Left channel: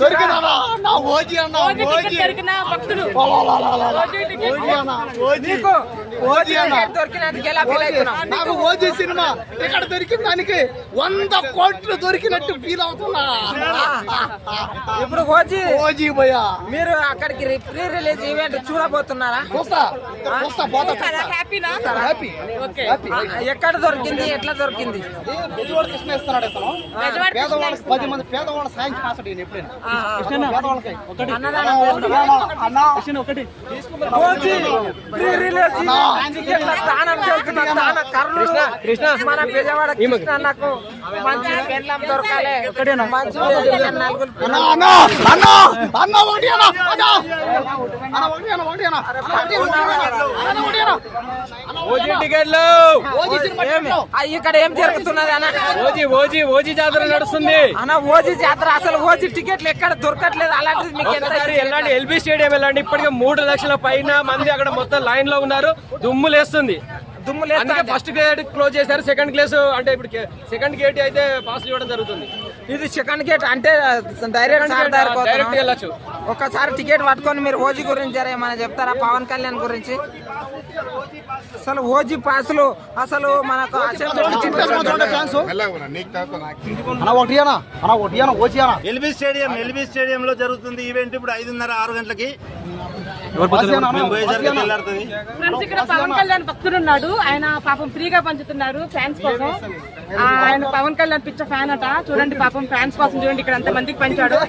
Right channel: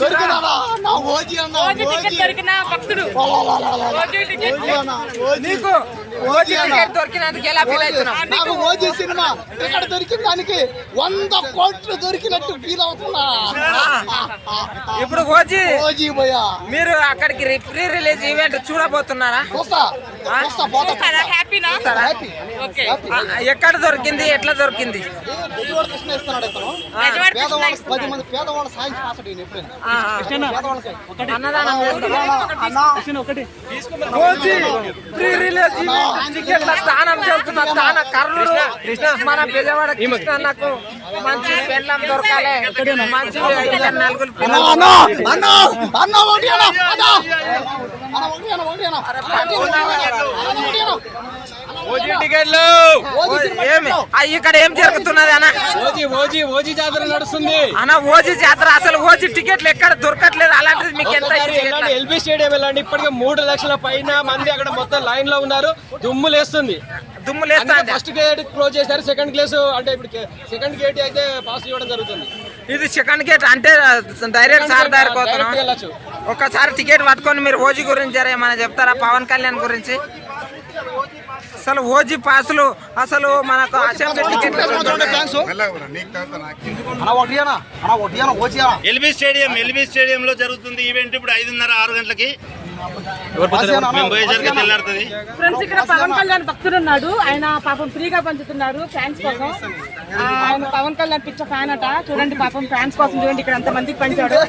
దొరికిన నాకు OG cinema ఇక్కడ దొరికిన దానికి వంద కోట్లు దొరికినట్టు ఫీల్ అవుతున్నా. ఇప్పుడు ఓజీ ఓజీ భయ్యా. మీరు అక్కడికి ప్రీ రిలీజ్ ఈవెంట్ చూడబోతున్నారా? ఎక్కడ దొరికింది? ఎట్లా దొరికింది? ఇస్తున్నాడు ఇతను. పేదవాళ్ళకి. పది మంది పేదవాళ్ళ సాయం చేస్తాడు ఈయన ఎప్పుడైనా. పేదవాళ్ళకి. ఒకటి. అన్నా కృష్ణ ఒకటి. మన ఇక్కడ ఏం జరుగుతున్నది అన్న? ఓజీ ఓజీ ఓజీ జాతర నడుస్తుంది. అన్న ఓజీ జాతర అసలు ఓజీ టికెట్లు ఎక్కడ దొరకట్లేదు? అలాంటిది మీకు ఎంత ఎల్బీ స్టేడియం వెళ్ళండి. ఇప్పటికే మూడు లక్షల పైన మంది అక్కడ మొత్తం లైన్లో ఉన్నారు దుమ్ము లేస్తుంది ఫస్ట్ గేట్ క్లోజ్ చేశారు సెకండ్ క్లాస్ అంటే ఇప్పుడు సెకండ్ గేట్ అయితే పాస్ ఇవ్వడం జరుగుతుంది. ఇది సెకండ్ గేట్ అంటే డైరెక్ట్ సార్ వెళ్ళొచ్చు. ఒక్కసారి టికెట్ పట్టుకొని మీరు ఓజీ గురించి ఏమైనా చెప్తారా? పవన్ కళ్యాణ్ గురించి? అసలు ఓజీ పాసులు అసలు మనకు ఎల్బీ స్టేడియం ఎల్బీ స్టేడియం లో జరుగుతుంది ఈవెంట్ ఇప్పుడు ఐదున్నర ఆరు గంటలకి. ఫ్రెండ్స్ ఇక్కడ పవన్ కళ్యాణ్ భక్తుడు ఉన్నాడు. ఆయన పాపం ఫ్రీగా పంచుతున్నారు ఫ్యాన్స్ కోసం. ఆ, ఆయన పవన్ కళ్యాణ్ పిచ్చ ఫ్యాన్ అట. చూడండి పాపం ఫ్యాన్స్ కోసం చూడండి ఇక్కడ ఎంత మందికి పంచాడు.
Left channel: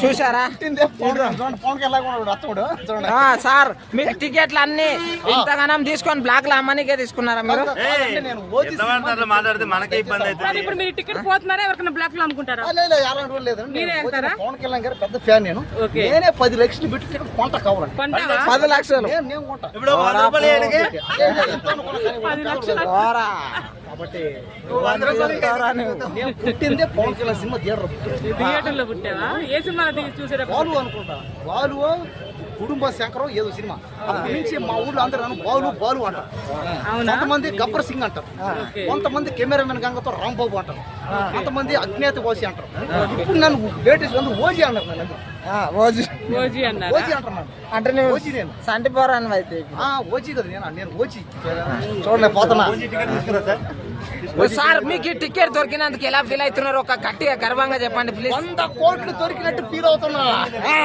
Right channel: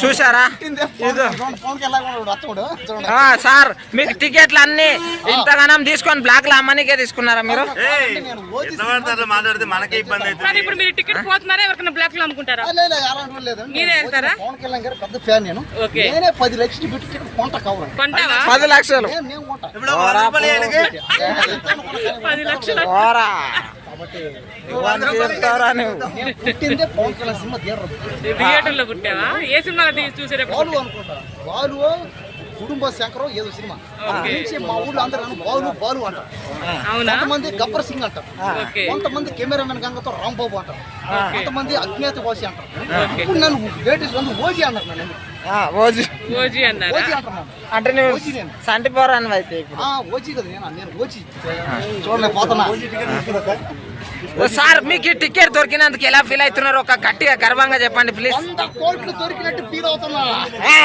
చూసారా సార్ మీకు టికెట్లు అన్ని ఇంతగానం తీసుకొని బ్లాక్లో అమ్మనికే తీసుకున్నారా మీరు? నేను ఓజీ ఎంత పడతారో మాట్లాడితే మనకే ఇబ్బంది సార్ అవుతుంది. ఇప్పుడు మీరు టికెట్ పోతున్నారా? ఎవరికైనా బ్లాక్లో అమ్ముకుంటారా? ఆ, లేదు, లేదు, అలాంటి వాళ్ళు లేదు. మీరే నేను వెళ్తారా? ఓజీ పవన్ కళ్యాణ్ గారు పెద్ద ఫ్యాన్ నేను. ఓకే. నేనే పది లక్షలు పెట్టి టికెట్ కొంట పది లక్షలు. పది కాబట్టి పుట్టిందే పవన్ కళ్యాణ్ సినిమా థియేటర్ థియేటర్లో పుట్టావా? ఏ సినిమా చూసేటప్పుడు బాలు అనుకుంటా. బాలు కుటుంబ శంకరం ఏదో సినిమా. అక్కడి నుంచి మా ఊళ్ళో అందరూ నన్ను బాలు బాలు అంటారు. కొంతమంది గబ్బర్ సింగ్ అంటారు. కొంతమంది కెమెరామెన్ గంగతో రాంబాబు అంటారు. కొంతమంది అజ్ఞాత వాసి అంటారు. ఇప్పుడు నన్ను వేటి ఓజీ అన్నారు నన్ను ఆ, ఓజీ. ఓజీ అన్నారా? ఓజీ అంటారు నన్ను. అంటే ఓజీ నేను. సంటి పోరాను అయితే ఇప్పుడు. ఆ, ఓజీ కదా నేను. నేను ఓజీ. చూడలే పోతున్నా. సార్ మీకు ఈ టికెట్ దొరికినందుకు ఎలా ఫీల్ అవుతున్నారు? ఒక గట్టిగా గర్వంగా చెప్పండి ప్లీజ్ వంద కోట్లు దొరికినట్టు ఫీల్ అవుతున్నా ఆ.